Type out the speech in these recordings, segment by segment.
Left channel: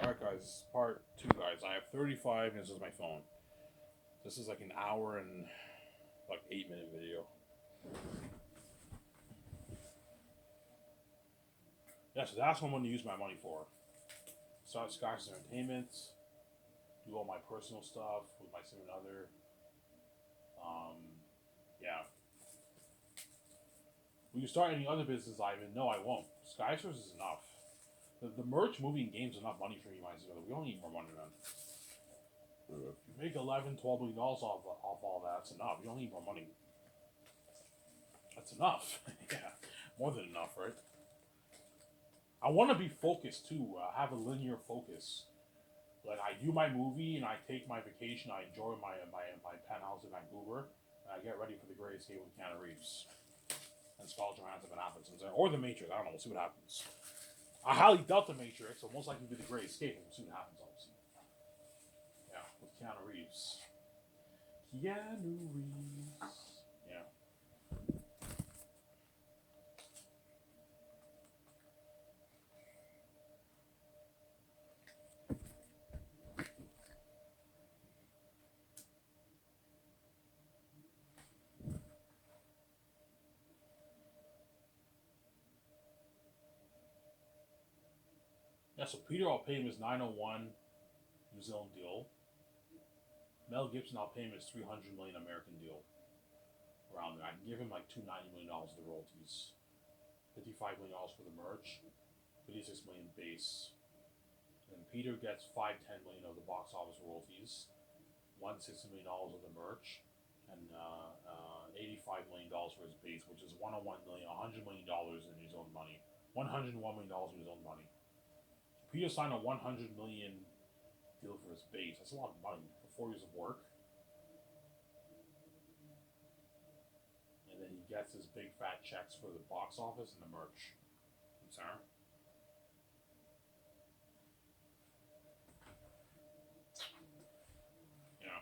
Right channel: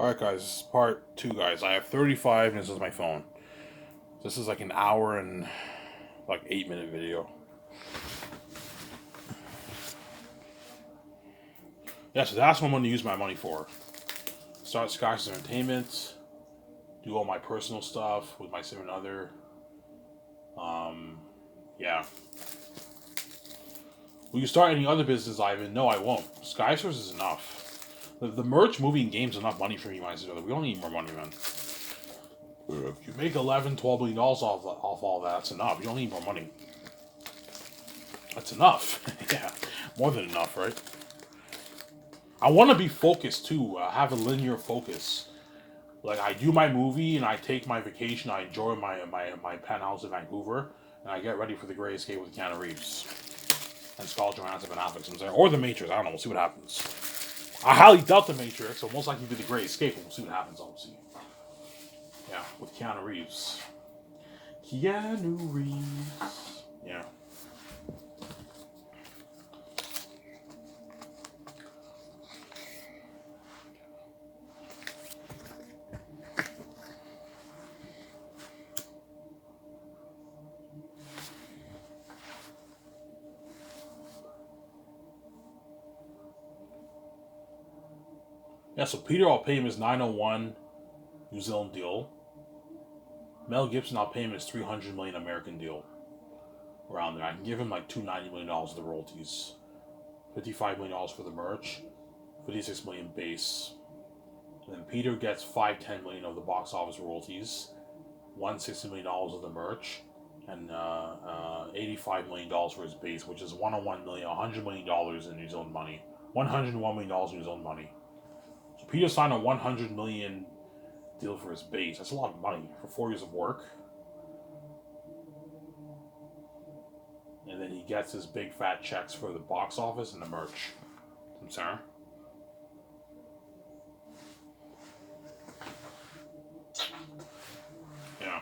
Alright guys, part 2 guys. I have 35 and this is my phone. This is like an hour and like 8-minute video. Yeah, so that's what I'm going to use my money for. Start Sky's Entertainment, do all my personal stuff with my significant other. Yeah. Will you start any other business, Ivan? No, I won't. Skysource is enough. The merch, movie, and games is enough money for me, my sister. We don't need more money, man. If you make $11, $12 million off all that, that's enough. You don't need more money. That's enough. Yeah, more than enough, right? I want to be focused too. Have a linear focus. Like I do my movie and I take my vacation. I enjoy my penthouse in Vancouver, and I get ready for The Great Escape with Keanu Reeves and Scarlett Johansson and Affleck. Or The Matrix. I don't know. We'll see what happens. I highly doubt The Matrix, so most likely be The Great Escape. We'll see what happens. Obviously. Yeah, with Keanu Reeves. Keanu Reeves. Yeah. Yeah, so Peter, I'll pay him his 901 New Zealand deal. Mel Gibson, I'll pay him his 300 million American deal. Around there. I can give him like $290 million of the royalties. $55 million for the merch. 56 million base. And then Peter gets $510 million of the box office royalties. $160 million of the merch. And $85 million for his base, which is $101 million, $100 million in New Zealand money. $101 million in New Zealand money. So Peter signed a $100 million deal for his base. That's a lot of money for 4 years of work. And then he gets his big fat checks for the box office and the merch. I'm sorry. Yeah.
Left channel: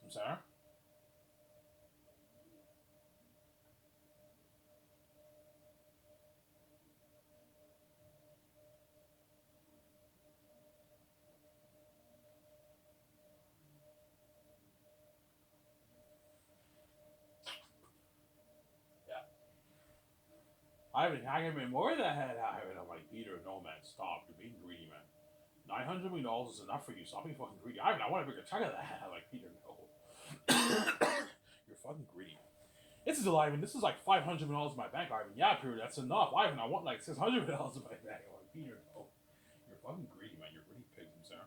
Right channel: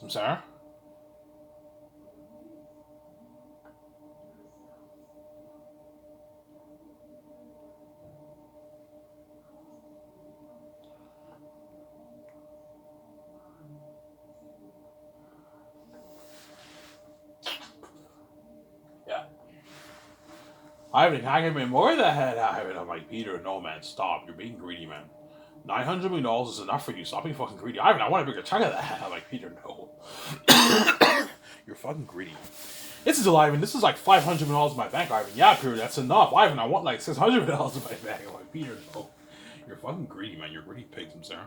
I'm sorry. Yeah. Ivan, can I give me more of that? Ivan, I'm like, Peter, no, man, stop. You're being greedy, man. $900 million is enough for you. Stop being fucking greedy. Ivan, I want a bigger chunk of that. I'm like, Peter, no. You're fucking greedy. This is Ivan. This is like $500 million in my bank, Ivan. Yeah, Peter, that's enough. Ivan, I want like $600 million in my bank. I'm like, Peter, no. You're fucking greedy, man. You're greedy pigs, I'm sorry.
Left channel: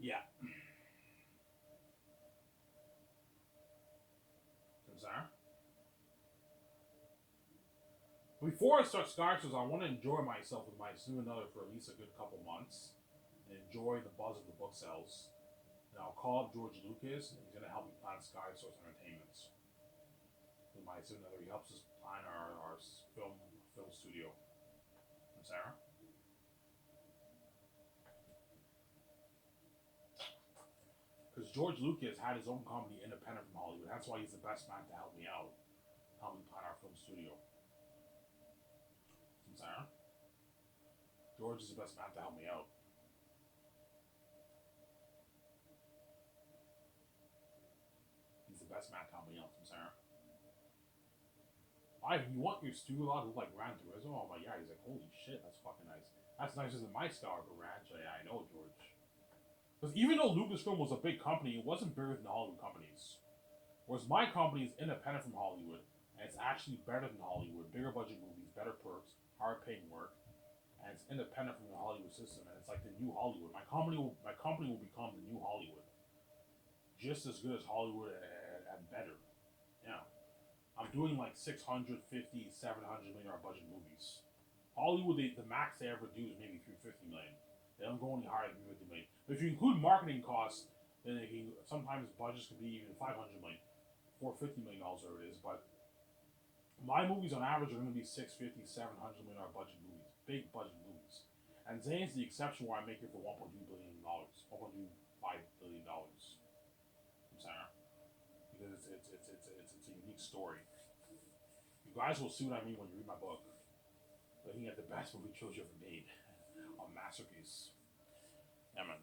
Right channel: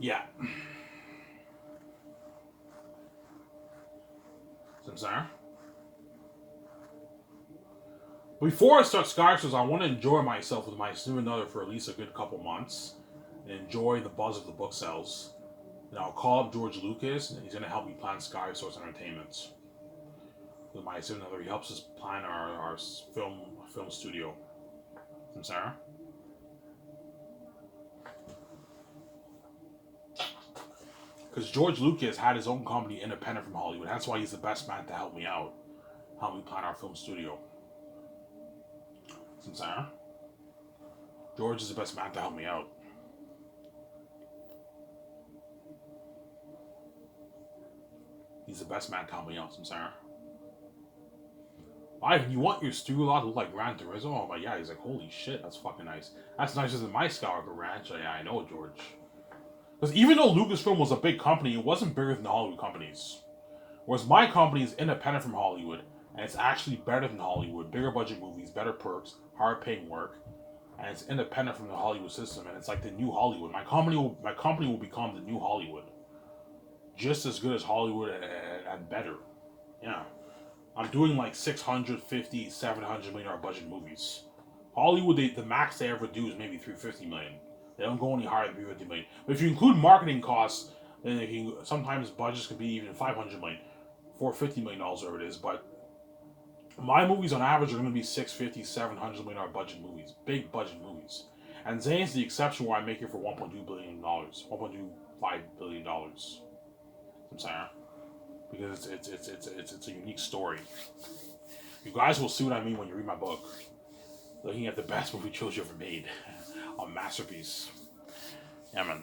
Yeah. I'm sorry. Before I start Skywars, I want to enjoy myself with my significant other for at least a good couple months and enjoy the buzz of the book sales. And I'll call up George Lucas, and he's going to help me plan Skywars Entertainment. With my significant other, he helps us plan our film studio. I'm sorry. Because George Lucas had his own company independent from Hollywood. That's why he's the best man to help me out. Help me plan our film studio. I'm sorry. George is the best man to help me out. He's the best man to help me out. I'm sorry. Ivan, you want your studio lot to look like Gran Turismo? I'm like, yeah. He's like, holy shit, that's fucking nice. That's nicer than my Skywalker Ranch. Yeah, I know, George. Because even though Lucasfilm was a big company, it wasn't bigger than the Hollywood companies. Whereas my company is independent from Hollywood, and it's actually better than Hollywood. Bigger budget movies, better perks, hard paying work, and it's independent from the Hollywood system, and it's like the new Hollywood. My company will become the new Hollywood, just as good as Hollywood and better. Yeah, I'm doing like 650, 700 million dollar budget movies. Hollywood, the max they ever do is maybe 350 million. They don't go any higher than 350 million. But if you include marketing costs, then sometimes budgets could be even 500 million. $450 million, whatever it is. But my movies on average are going to be $650 to $700 million budget movies, big budget movies. And Zane's the exception where I make it for $1.2 billion, $1.25 billion. I'm saying, because it's a unique story. You guys will see what I mean when you read my book. Looking at the best movie trilogy ever made, a masterpiece. Yeah, man,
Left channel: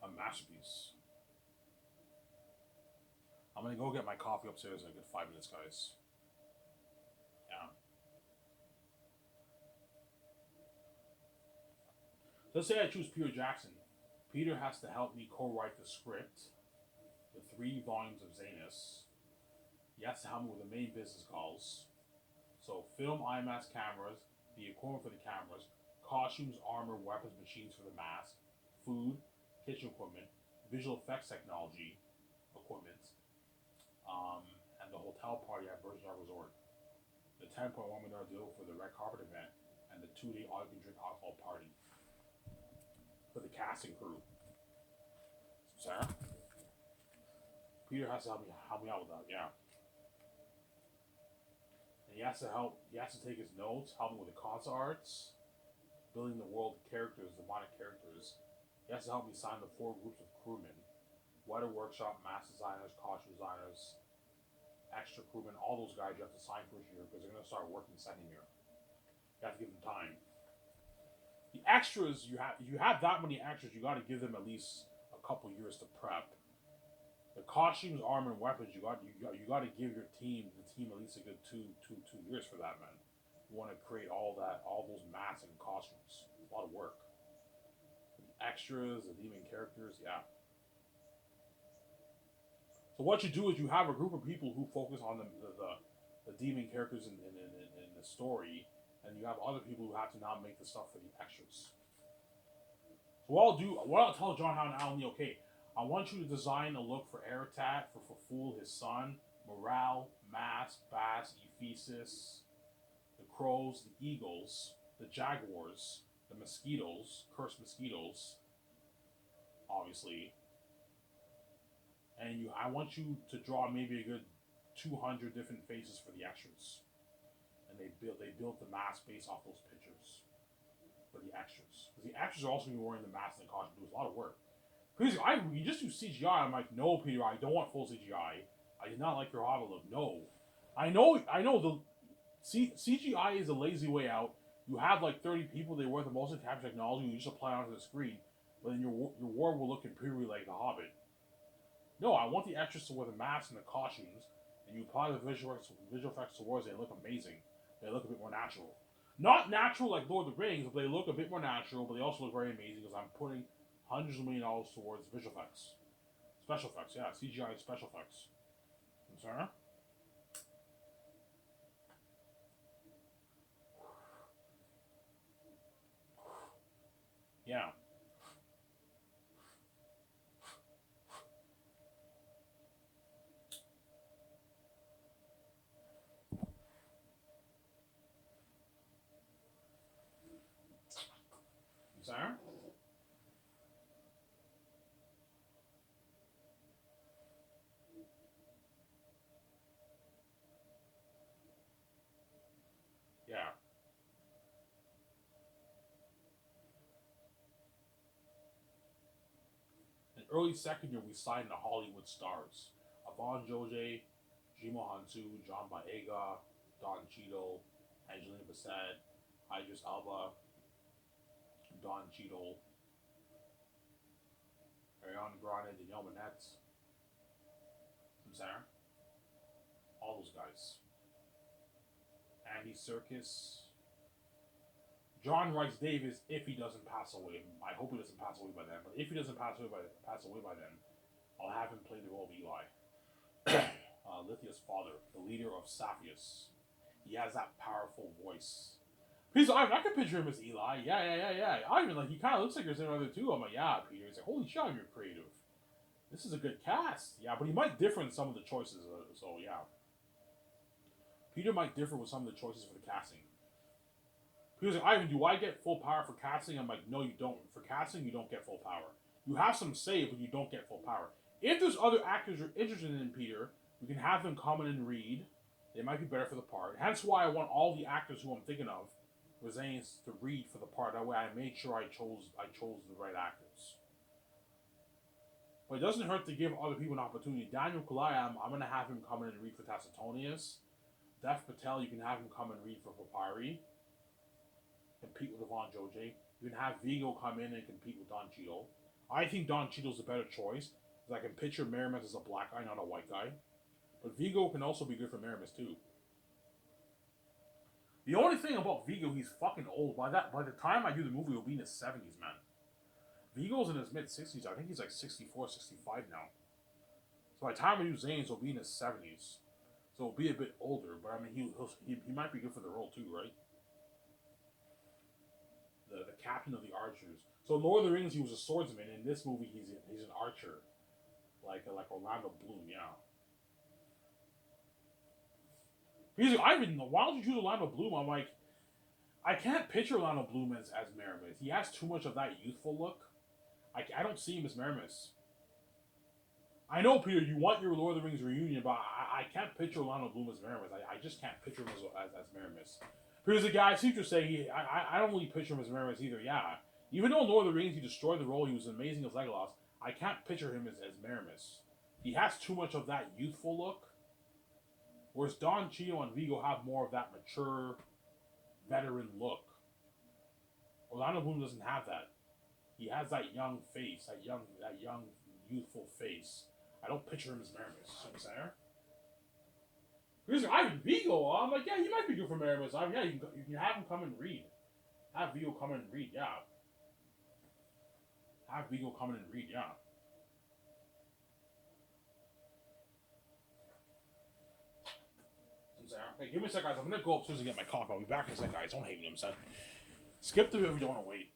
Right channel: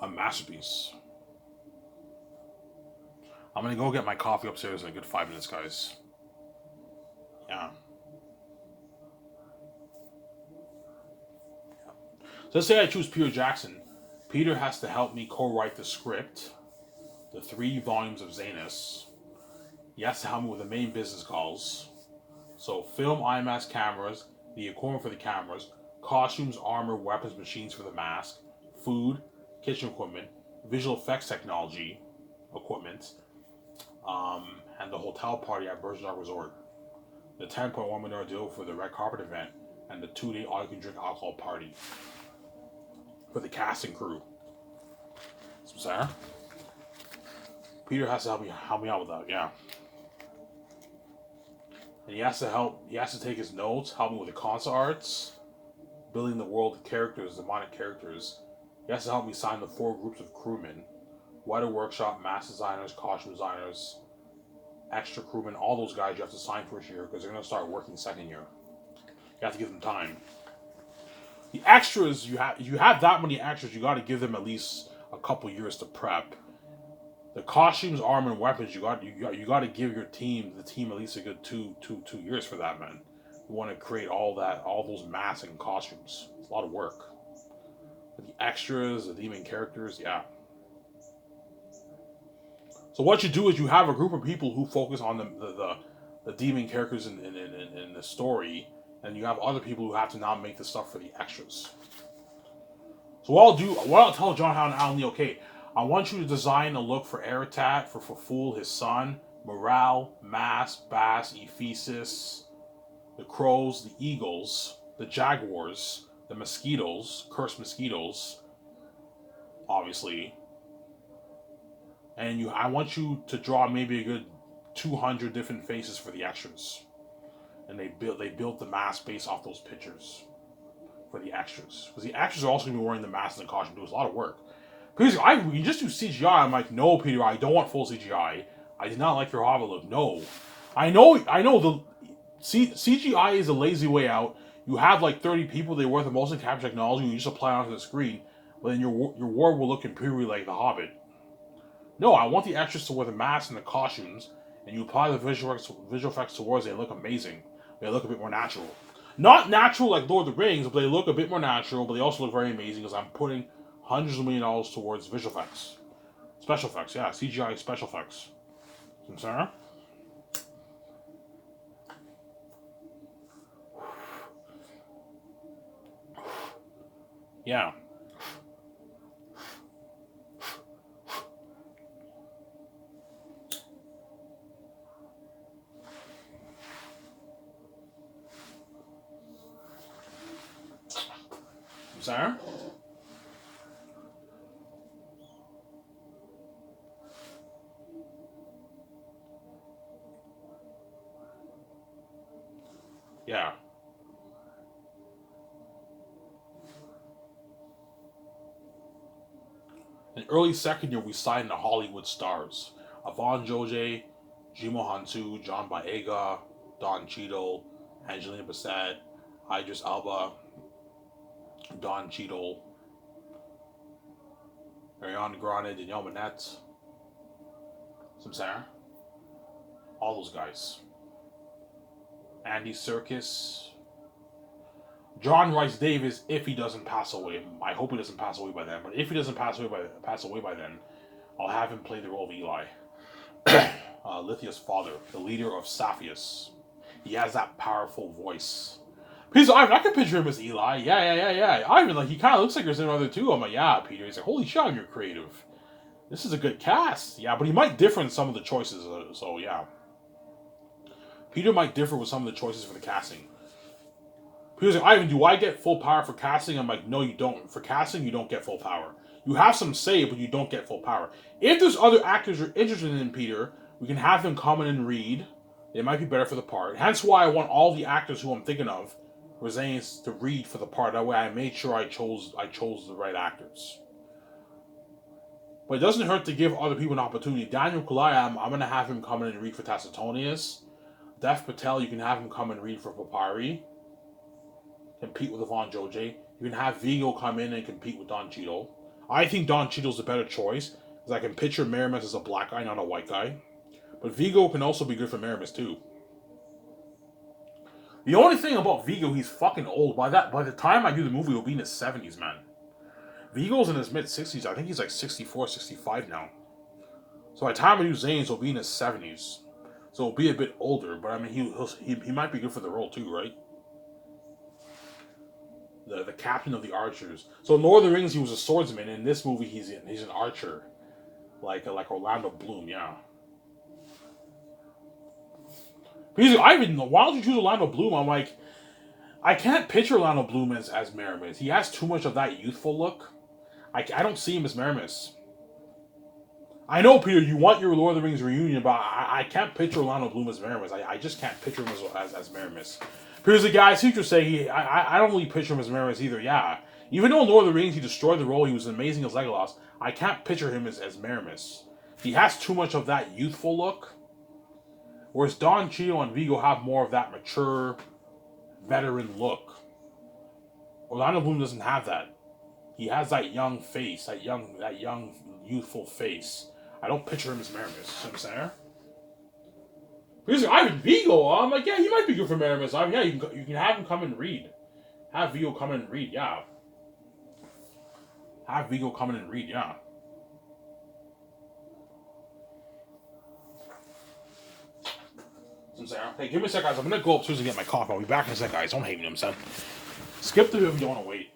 a masterpiece. I'm gonna go get my coffee upstairs in a good 5 minutes, guys. Yeah. So let's say I choose Peter Jackson. Peter has to help me co-write the script, the 3 volumes of Zanus. He has to help me with the main business calls. So film, IMAX cameras, the equipment for the cameras, costumes, armor, weapons, machines for the mask, food, kitchen equipment, visual effects technology, equipment, and the hotel party at Virgin Island Resort, the $10.1 million deal for the red carpet event, and the 2-day all-you-can-drink alcohol party for the cast and crew. So, Sarah, Peter has to help me out with that, yeah. And he has to take his notes, help me with the concept arts, building the world, the characters, the demonic characters. He has to help me sign the 4 groups of crewmen, weather workshop, mask designers, costume designers, extra crewmen, all those guys you have to sign first year because they're going to start working second year. You have to give them time. The extras, you have that many extras, you got to give them at least a couple years to prep. The costumes, armor, and weapons, you got to give the team at least a good two years for that, man. You want to create all those masks and costumes. It's a lot of work. But the extras, the demon characters, yeah. So what you do is you have a group of people who focus on the demon characters in the story, and you have other people who have to now make the stuff for the extras. So what I'll tell John Howard and Alan Lee, okay, I want you to design a look for Eratat, for Fool, his son, Morale, Mass, Bass, Ephesus, the Crows, the Eagles, the Jaguars, the Mosquitoes, Cursed Mosquitoes, obviously. And I want you to draw maybe a good 200 different faces for the extras. And they built the mask based off those pictures for the extras. Because the extras are also going to be wearing the mask and the costume. It was a lot of work. Because we can just do CGI. I'm like, no, Peter, I don't want full CGI. I did not like your Hobbit look. No. I know the CGI is a lazy way out. You have like 30 people, they work the motion capture technology, and you just apply it onto the screen. But then your war will look imperial like the Hobbit. No, I want the extras to wear the masks and the costumes, and you apply the visual effects towards it. They look amazing. They look a bit more natural. Not natural like Lord of the Rings, but they look a bit more natural, but they also look very amazing because I'm putting hundreds of $1 million towards visual effects. Special effects, yeah. CGI special effects. Sarah? Yeah. Sarah? Yeah. In early second year, we signed the Hollywood stars. Yvonne Joje, Jimo Hantu, John Boyega, Don Cheadle, Angelina Bassett, Idris Elba, Don Cheadle, Ariana Grande, Danielle Manette, Sarah. All those guys. Andy Serkis, John Rhys Davis, if he doesn't pass away. I hope he doesn't pass away by then. But if he doesn't pass away by then, I'll have him play the role of Eli, Lithia's father, the leader of Sapphires. He has that powerful voice. Peter, I can picture him as Eli. Yeah. I even he kind of looks like there's another too. I'm like, yeah, Peter. He's like, holy shit, you're creative. This is a good cast. Yeah, but he might differ in some of the choices. So yeah, Peter might differ with some of the choices for the casting. Peter's like, Ivan, do I get full power for casting? I'm like, no, you don't. For casting, you don't get full power. You have some say, but you don't get full power. If there's other actors you're interested in, Peter, we can have them come in and read. It might be better for the part. Hence why I want all the actors who I'm thinking of, Rezanes, to read for the part. That way I made sure I chose the right actors. But it doesn't hurt to give other people an opportunity. Daniel Kaluuya, I'm going to have him come in and read for Tacitonius. Dev Patel, you can have him come and read for Papyri. Compete with Ivan Joje. You can have Vigo come in and compete with Don Cheadle. I think Don Cheadle's a better choice, because I can picture Maramis as a black guy, not a white guy. But Vigo can also be good for Maramis too. The only thing about Vigo, he's fucking old. By the time I do the movie, he'll be in his 70s, man. Vigo's in his mid-60s. I think he's like 64, 65 now. So by the time I do Zanes, he'll be in his 70s. So he'll be a bit older, but I mean, he might be good for the role too, right? The captain of the archers. So in Lord of the Rings, he was a swordsman. In this movie, he's an archer, like Orlando Bloom, yeah. I even why don't you choose Orlando Bloom? I'm like, I can't picture Orlando Bloom as Maramis. He has too much of that youthful look. I don't see him as Maramis. I know, Peter, you want your Lord of the Rings reunion, but I can't picture Orlando Bloom as Maramis. I just can't picture him as Maramis. Here's the guy, Sutra say I don't really picture him as Maramis either. Yeah, even though in Lord of the Rings he destroyed the role, he was amazing as Legolas. I can't picture him as Maramis. He has too much of that youthful look. Whereas Don Cheadle and Vigo have more of that mature, veteran look. Orlando Bloom doesn't have that. He has that young face, that young youthful face. I don't picture him as Maramis. You know what I'm saying? Here's Ivan Vigo. I'm like, yeah, he might be good for Maramis. Yeah, you can have him come and read. Have Vigo come in and read, yeah. Have Vigo come in and read, yeah. Hey, give me a sec, guys. I'm gonna go upstairs and get my coffee. I'll be back in a sec, guys. Don't hate me, I'm saying. Skip the video if you don't want to wait.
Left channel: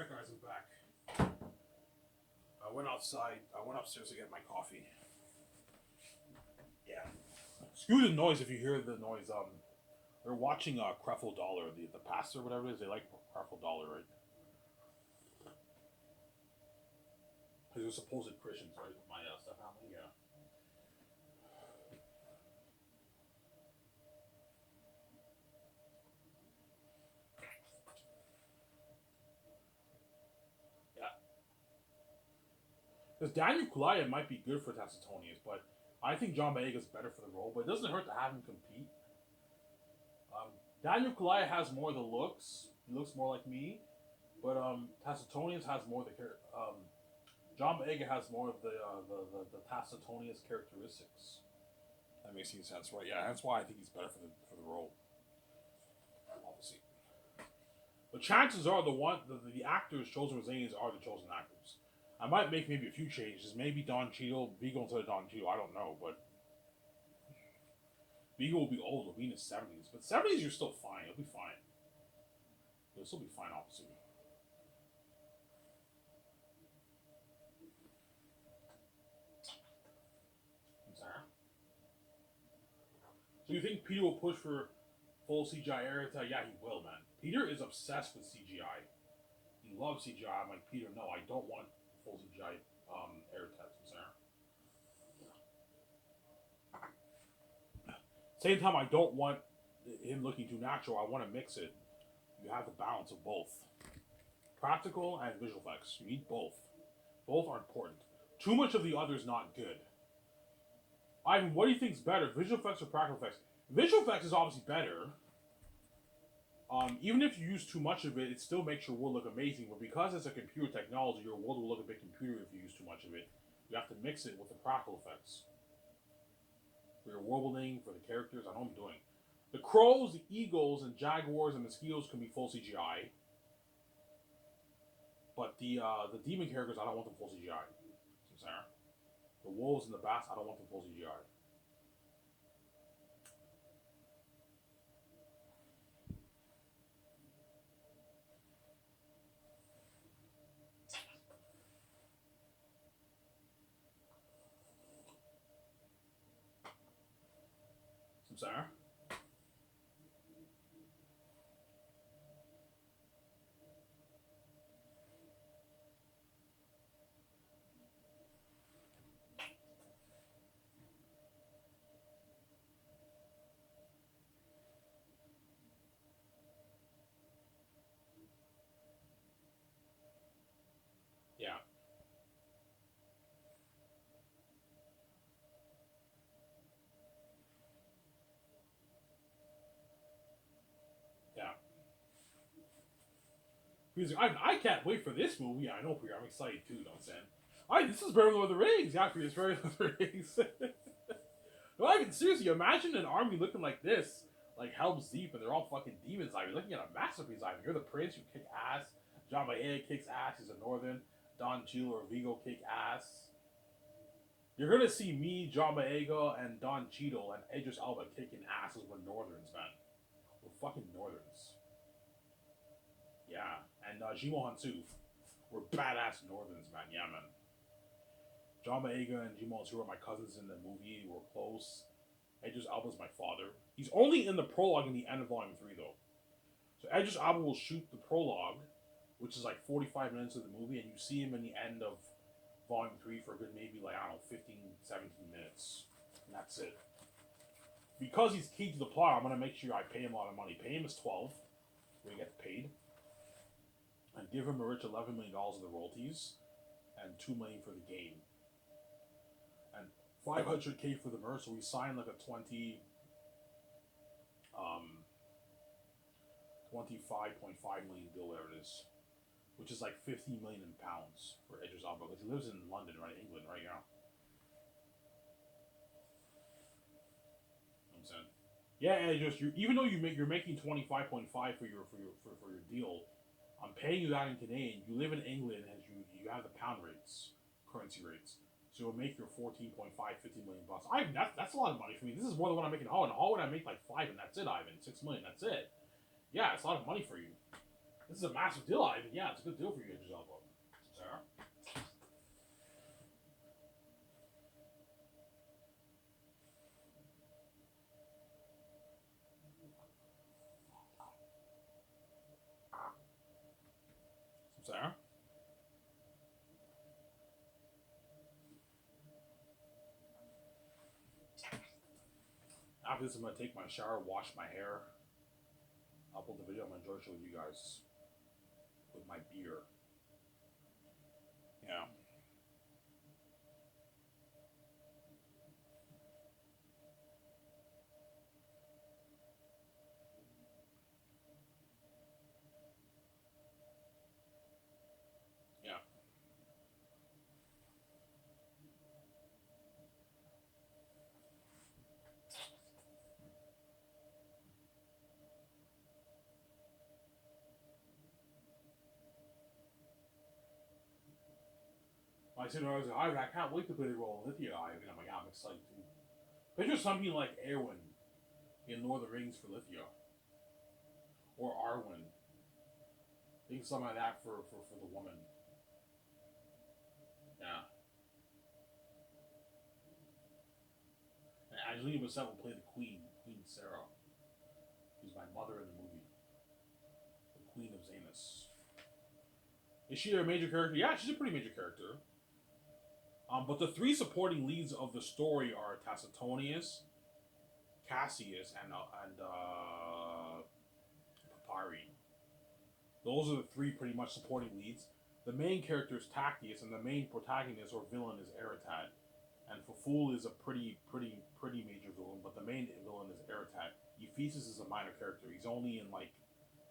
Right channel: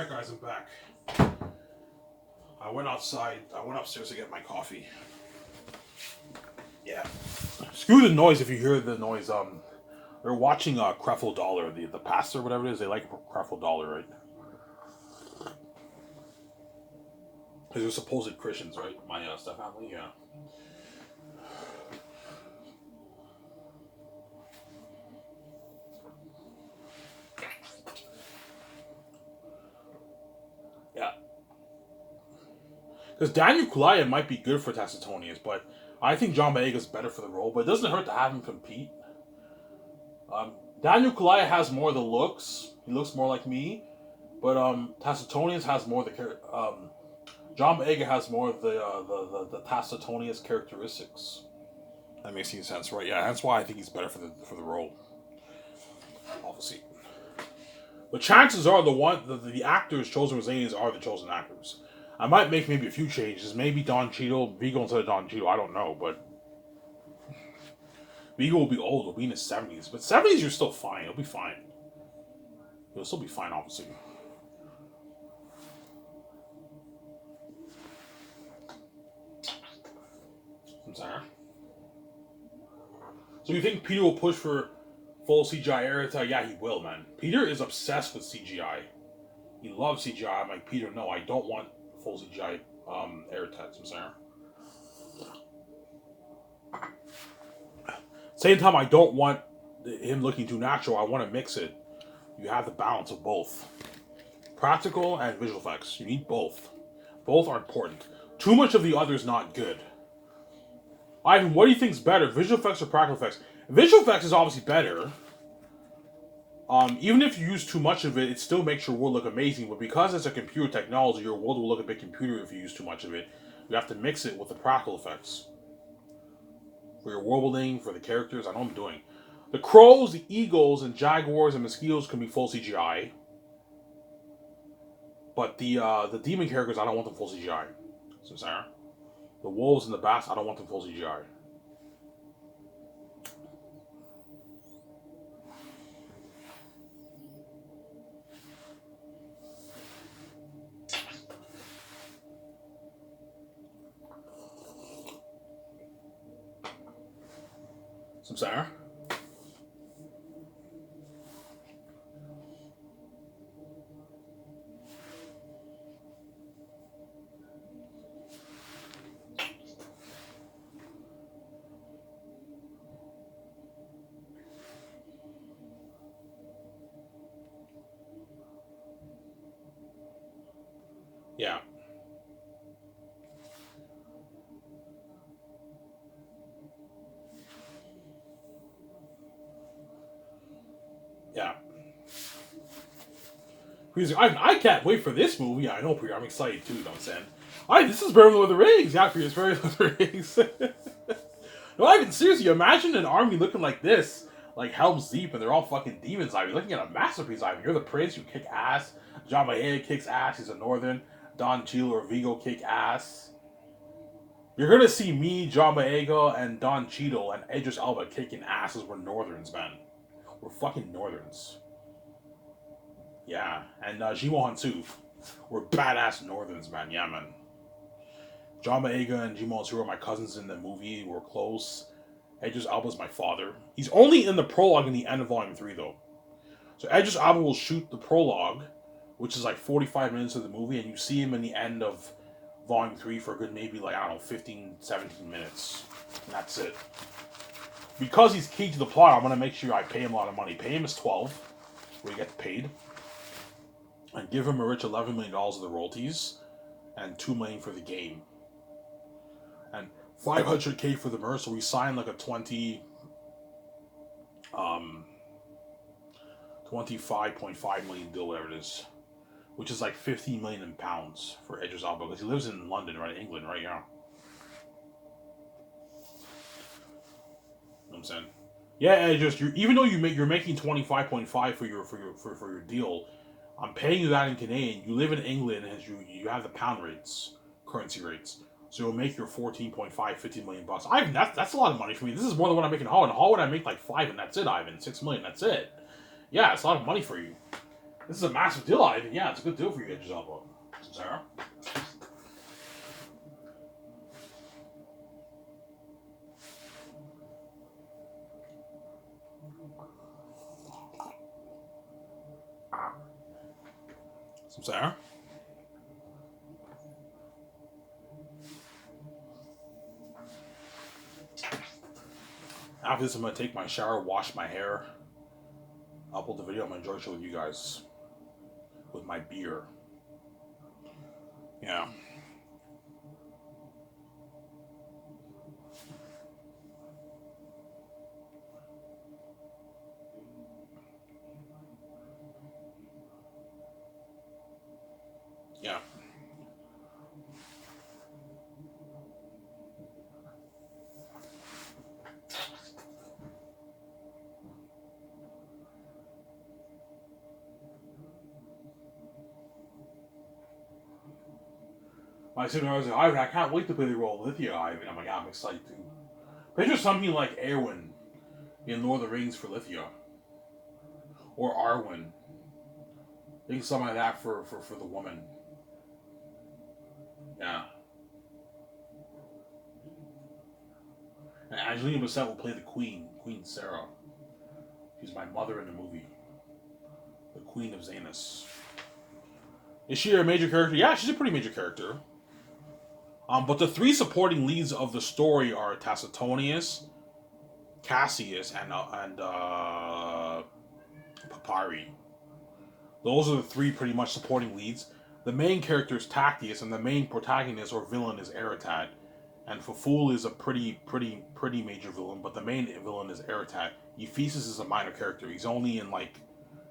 Alright guys, I'm back. I went outside. I went upstairs to get my coffee. Yeah. Screw the noise if you hear the noise. They're watching Creflo Dollar, the pastor, whatever it is. They like Creflo Dollar, right? Because they're supposed Christians, right? My step family, yeah. Yeah. Because Daniel Kaluuya might be good for Tacitonius, but I think John Boyega is better for the role. But it doesn't hurt to have him compete. Daniel Kaluuya has more of the looks. He looks more like me. But Tacitonius has more of the John Boyega has more of the Tacitonius characteristics. That makes any sense, right? Yeah, that's why I think he's better for the role. Obviously. But chances are the actors chosen with Zanies are the chosen actors. I might make maybe a few changes. Maybe Don Cheadle, Vigo instead of Don Cheadle. I don't know, but Vigo will be old. He'll be in his 70s. But 70s, you're still fine. He'll be fine. He'll still be fine, obviously. I'm sorry. So you think Peter will push for full CGI Aerita? Yeah, he will, man. Peter is obsessed with CGI. He loves CGI. I'm like, Peter, no, I don't want full CGI Aerita. I'm sorry. Same time, I don't want him looking too natural. I want to mix it. You have the balance of both. Practical and visual effects. You need both. Both are important. Too much of the other is not good. Ivan, what do you think is better, visual effects or practical effects? Visual effects is obviously better. Even if you use too much of it, it still makes your world look amazing. But because it's a computer technology, your world will look a bit computer if you use too much of it. You have to mix it with the practical effects. For your world building, for the characters, I know what I'm doing. The crows, the eagles, and jaguars and mosquitoes can be full CGI. But the demon characters, I don't want them full CGI. So Sarah. The wolves and the bats, I don't want them full CGI. Some Sarah. Yeah. Yeah. I can't wait for this movie. I know, I'm excited too, you know what I'm saying? This is better than Lord of the Rings. Yeah, Priya, it's better than Lord of the Rings. No, Ivan, seriously, imagine an army looking like this, like Helm's Deep, and they're all fucking demons, Ivan. You're looking at a masterpiece, Ivan. You're the prince, you kick ass. John Boyega kicks ass, he's a northern. Don Cheadle or Vigo kick ass. You're gonna see me, John Boyega, and Don Cheadle, and Idris Elba kicking asses. We're northerns, man. We're fucking northerns. Yeah, and Jimo Hansu. We're badass northerns, man. Yeah, man. John Boyega and Jimo Hansu are my cousins in the movie. We're close. Idris Elba's my father. He's only in the prologue in the end of Volume 3, though. So Idris Elba will shoot the prologue, which is like 45 minutes of the movie, and you see him in the end of Volume 3 for a good maybe, like, I don't know, 15, 17 minutes. And that's it. Because he's key to the plot, I'm going to make sure I pay him a lot of money. Pay him his 12, where he gets paid. And give him a rich $11 million of the royalties, and $2 million for the game. And $500K for the merch, so we signed like a 25.5 million deal, whatever it is, which is like 15 million in pounds for Idris Elba, because he lives in London, right? England, right? Yeah. You know what I'm saying? Yeah, Idris, even though you're making 25.5 for your deal, I'm paying you that in Canadian. You live in England, and you have the pound rates, currency rates. So you'll make your 14.5, 15 million bucks. Ivan, that's a lot of money for me. This is more than what I make in Holland. In Holland, I make like 5, and that's it, Ivan. 6 million, that's it. Yeah, it's a lot of money for you. This is a massive deal, Ivan. Yeah, it's a good deal for you, Idris Elba. Sarah. Sarah. After this, I'm gonna take my shower, wash my hair, upload the video. I'm gonna enjoy the show with you guys with my beer. Yeah. Yeah. My sister was like, I can't wait to play the role of Lithia. I'm like, yeah, I'm excited too. Picture something like Eowyn in Lord of the Rings for Lithia. Or Arwen. I think something like that for the woman. Yeah. And Angelina Bissett will play the Queen, Queen Sarah. She's my mother in the movie. The Queen of Xanas. Is she a major character? Yeah, she's a pretty major character. But the three supporting leads of the story are Tacitonius, Cassius, and Papyri. Those are the three pretty much supporting leads. The main character is Tactius, and the main protagonist or villain is Eretat. And Faful is a pretty major villain, but the main villain is Eretat. Ephesus is a minor character. He's only in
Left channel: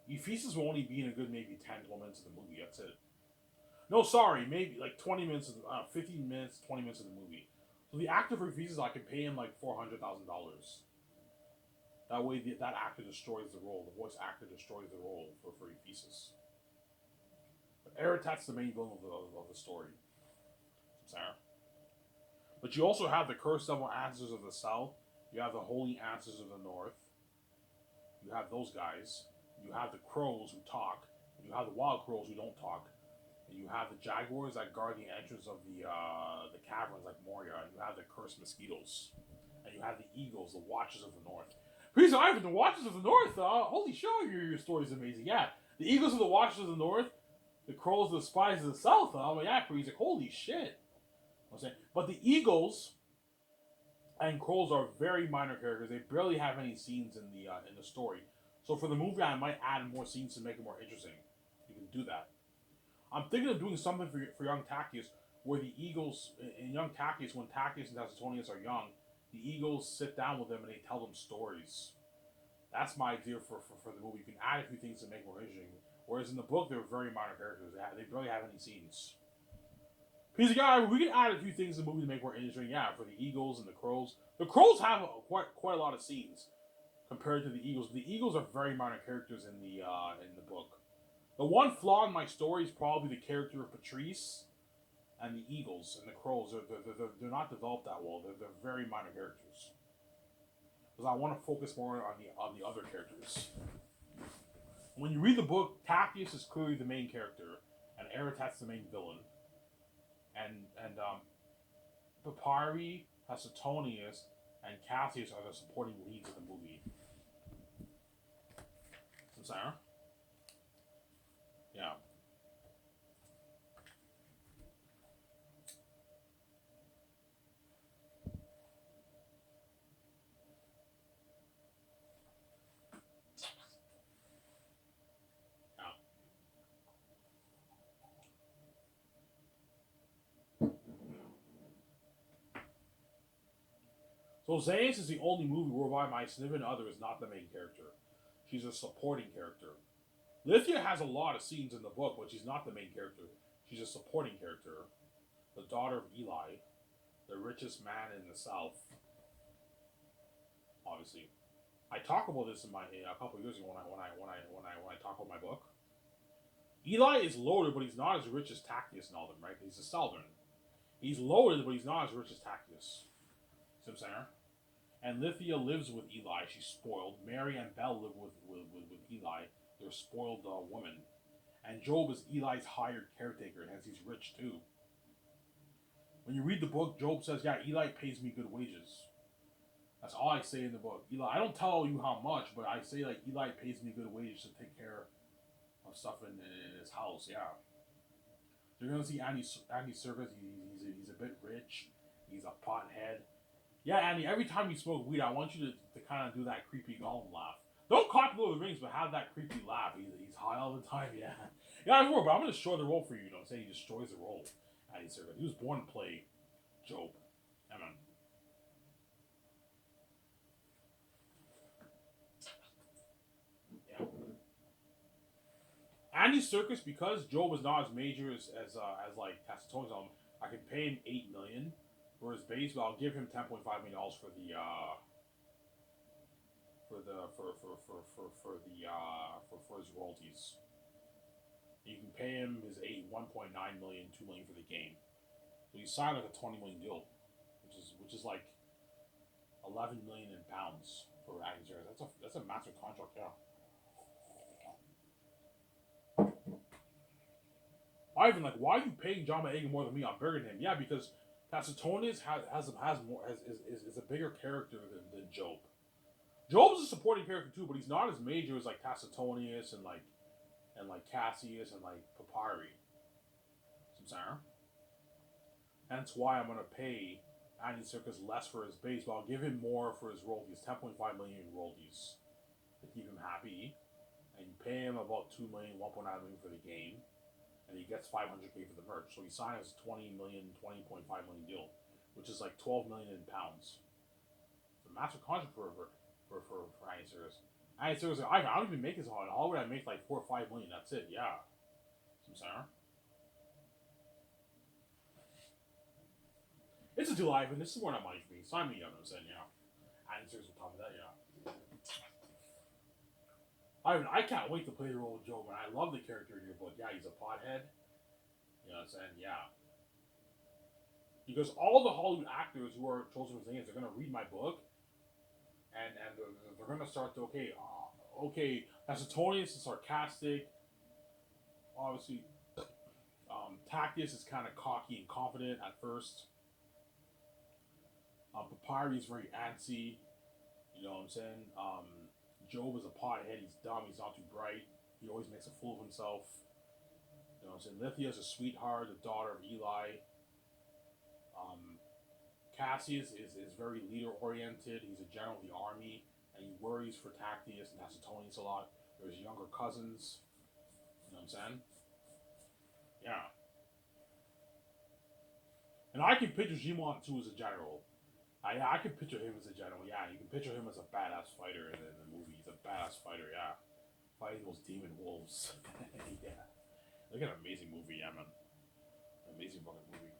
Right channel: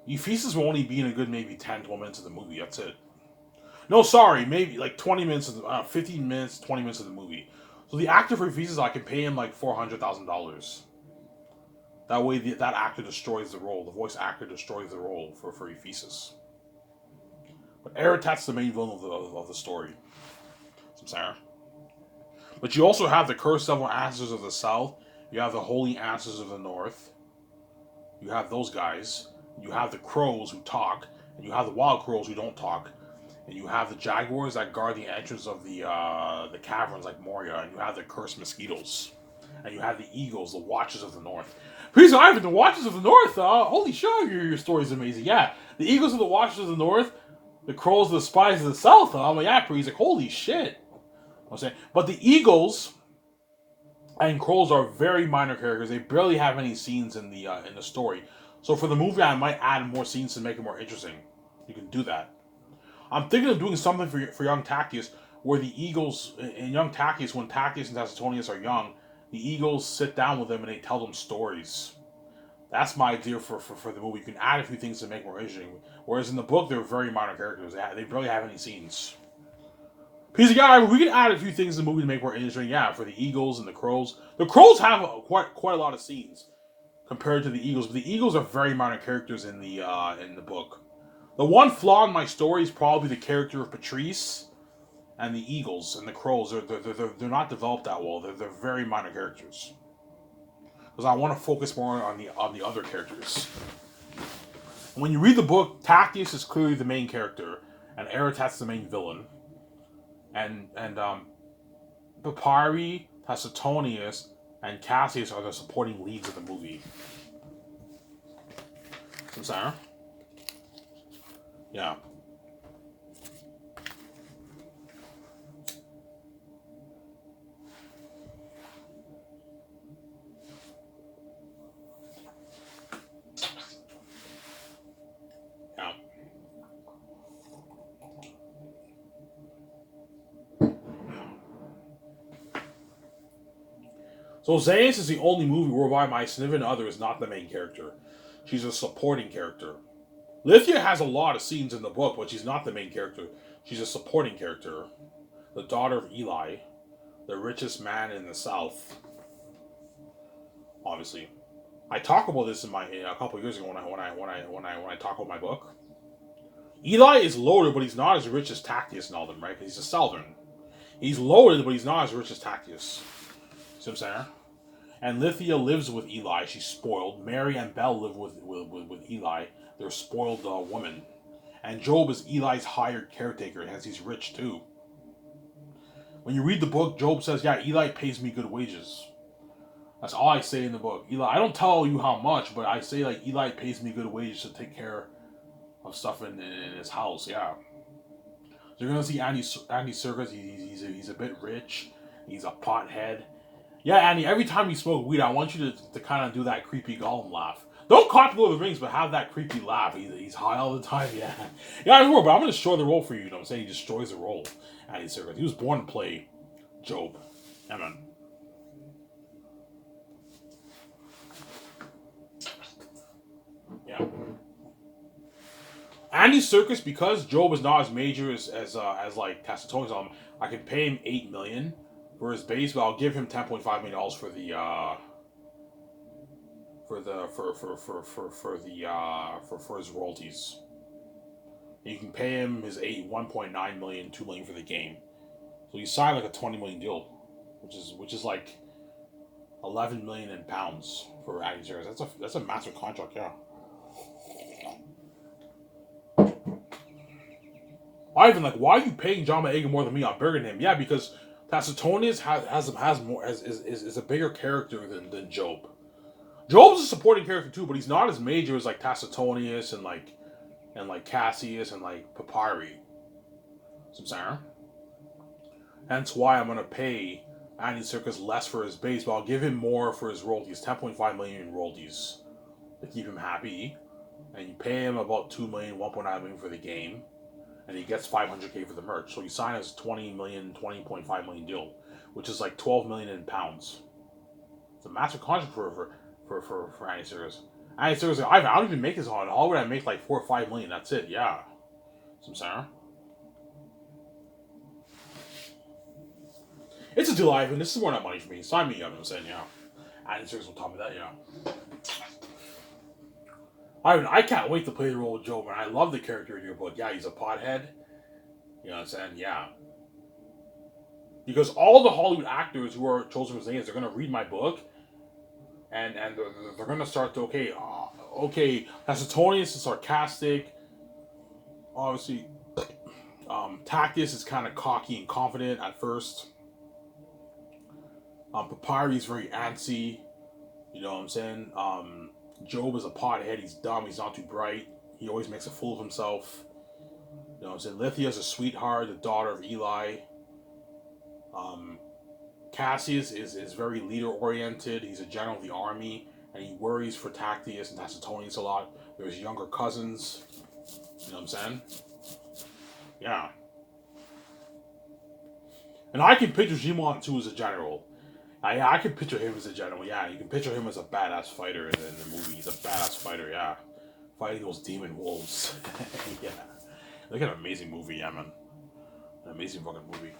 Ephesus will only be in a good maybe 10, 12 minutes of the movie. That's it. No, sorry, maybe like 20 minutes, 15 minutes, 20 minutes of the movie. So the actor for Ephesus, I can pay him like $400,000. That way, that actor destroys the role. The voice actor destroys the role for Ephesus. But Eretat's the main villain of the story. Samsara. But you also have the Cursed Devil Ancestors of the South. You have the Holy Ancestors of the North. You have those guys. You have the Crows who talk. And you have the Wild Crows who don't talk. And you have the Jaguars that guard the entrance of the caverns like Moria. And you have the Cursed Mosquitoes. And you have the Eagles, the Watchers of the North. Please, Ivan, the Watchers of the North. Holy shit, your story's amazing. Yeah, the Eagles are the Watchers of the North. The Crows are the Spies of the South. I'm like, yeah, he's like, holy shit. I'm saying, but the Eagles and Crows are very minor characters. They barely have any scenes in the story. So for the movie, I might add more scenes to make it more interesting. You can do that. I'm thinking of doing something for young Tactius, where the Eagles in young Tactius, when Tactius and Tacitonius are young, the Eagles sit down with them and they tell them stories. That's my idea for the movie. You can add a few things to make it more interesting. Whereas in the book, they're very minor characters. They barely have any scenes. Piece of guy, we can add a few things in the movie to make it more interesting. Yeah, for the Eagles and the Crows. The Crows have quite a lot of scenes compared to the Eagles, but the Eagles are very minor characters in the book. The one flaw in my story is probably the character of Patrice and the Eagles and the Crows. They're not developed that well. They're very minor characters. Because I want to focus more on the other characters. When you read the book, Tactius is clearly the main character, and Eretat's the main villain. And Papyri, Tacitonius, and Cassius are the supporting leads of the movie. Sarah? Yeah. So Xanas is the only movie whereby my significant other is not the main character. She's a supporting character. Lithia has a lot of scenes in the book, but she's not the main character. She's a supporting character. The daughter of Eli, the richest man in the South. Obviously, I talk about this a couple of years ago when I talk about my book. Eli is loaded, but he's not as rich as Tactius and all them, right? Because he's a Southern. He's loaded, but he's not as rich as Tactius. See what I'm saying? And Lithia lives with Eli. She's spoiled. Mary and Belle live with Eli. They're spoiled women. And Job is Eli's hired caretaker, as he's rich too. When you read the book, Job says, "Yeah, Eli pays me good wages." That's all I say in the book. Eli, I don't tell you how much, but I say like Eli pays me good wages to take care of stuff in his house. Yeah. So you're gonna see Andy Serkis. He's a bit rich. He's a pothead. Yeah, Andy. Every time you smoke weed, I want you to kind of do that creepy Gollum laugh. Don't copy Lord of the Rings, but have that creepy laugh. He's high all the time. Yeah, yeah. I know, but I'm gonna destroy the role for you. You know what I'm saying? He destroys the role. Andy Serkis. He was born to play Job. Yeah, man. Yeah. Andy Serkis, because Job is not as major as like Tacitonius, I can pay him $8 million for his base, but I'll give him $10.5 million for the for his royalties. And you can pay him his 1.9 million, $2 million for the game. So you sign like a $20 million deal, which is like 11 million in pounds for Andy Serkis. That's a massive contract, yeah. Ivan, like, why are you paying John Boyega more than me? I'm bigger than him. Yeah, because Tacitonius has more is a bigger character than Job. Job's a supporting character too, but he's not as major as like Tacitonius and like Cassius and like Papyri. Some saying. Hence why I'm gonna pay Andy Serkis less for his base, but I'll give him more for his royalties, 10.5 million in royalties to keep him happy. And you pay him about 2 million, 1.9 million for the game. And he gets 500K for the merch. So he signs 20 million, 20.5 million deal, which is like 12 million in pounds. It's a massive contract for Andy Serkis. Andy Serkis, I don't even make this on Hollywood. I make like 4 or 5 million. That's it. Yeah. Some saying. It's a deal, Ivan. This is more than money for me. Sign me up. I'm saying, yeah. Andy Serkis will tell me that, yeah. I can't wait to play the role of Job, and I love the character in your book. Yeah, he's a pothead. You know what I'm saying? Yeah. Because all the Hollywood actors who are chosen for Zanes are going to read my book, and they're going to start to, okay, Tacitonius is sarcastic. Obviously, Tactius is kind of cocky and confident at first. Papyri is very antsy. You know what I'm saying? Job is a pothead. He's dumb. He's not too bright. He always makes a fool of himself. You know what I'm saying? Lithia's a sweetheart, the daughter of Eli. Cassius is very leader oriented. He's a general of the army, and he worries for Tactius and Tacitonius a lot. They're his younger cousins. You know what I'm saying? Yeah. And I can picture Jimon too as a general. I can picture him as a general. Yeah, you can picture him as a badass fighter in the movie. He's a badass fighter. Yeah, fighting those demon wolves. Yeah, look at an amazing movie. Yeah, man, an amazing fucking movie.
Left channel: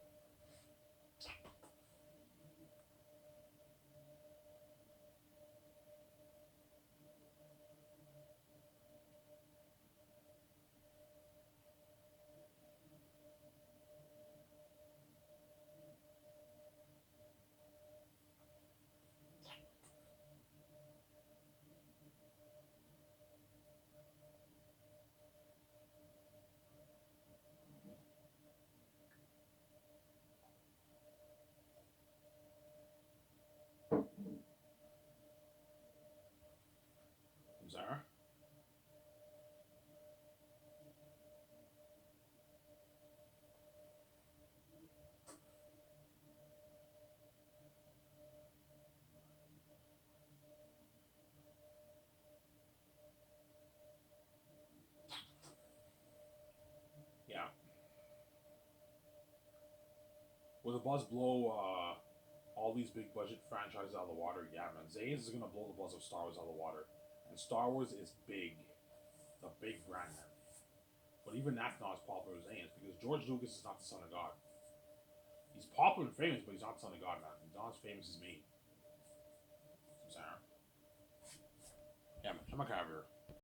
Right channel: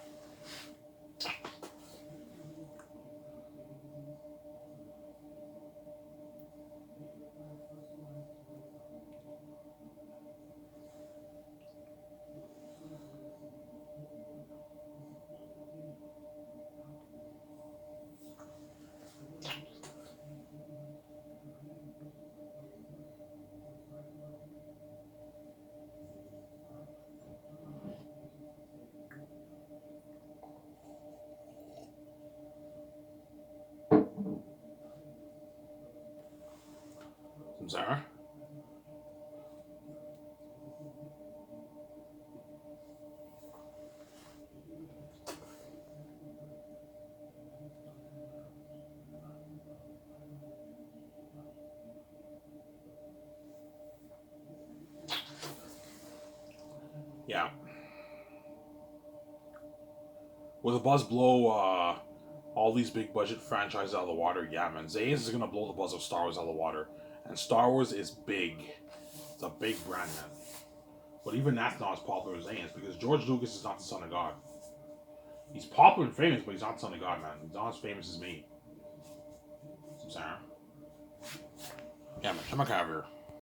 Sorry. Yeah. Will the buzz blow all these big budget franchises out of the water? Yeah, man. Zays is gonna blow the buzz of Star Wars out of the water, and Star Wars is big. It's a big brand, man. But even that's not as popular as Zayn's because George Lucas is not the son of God. He's popular and famous, but he's not the son of God, man. He's not as famous as me. I'm sorry. Yeah, man. Come on, over here.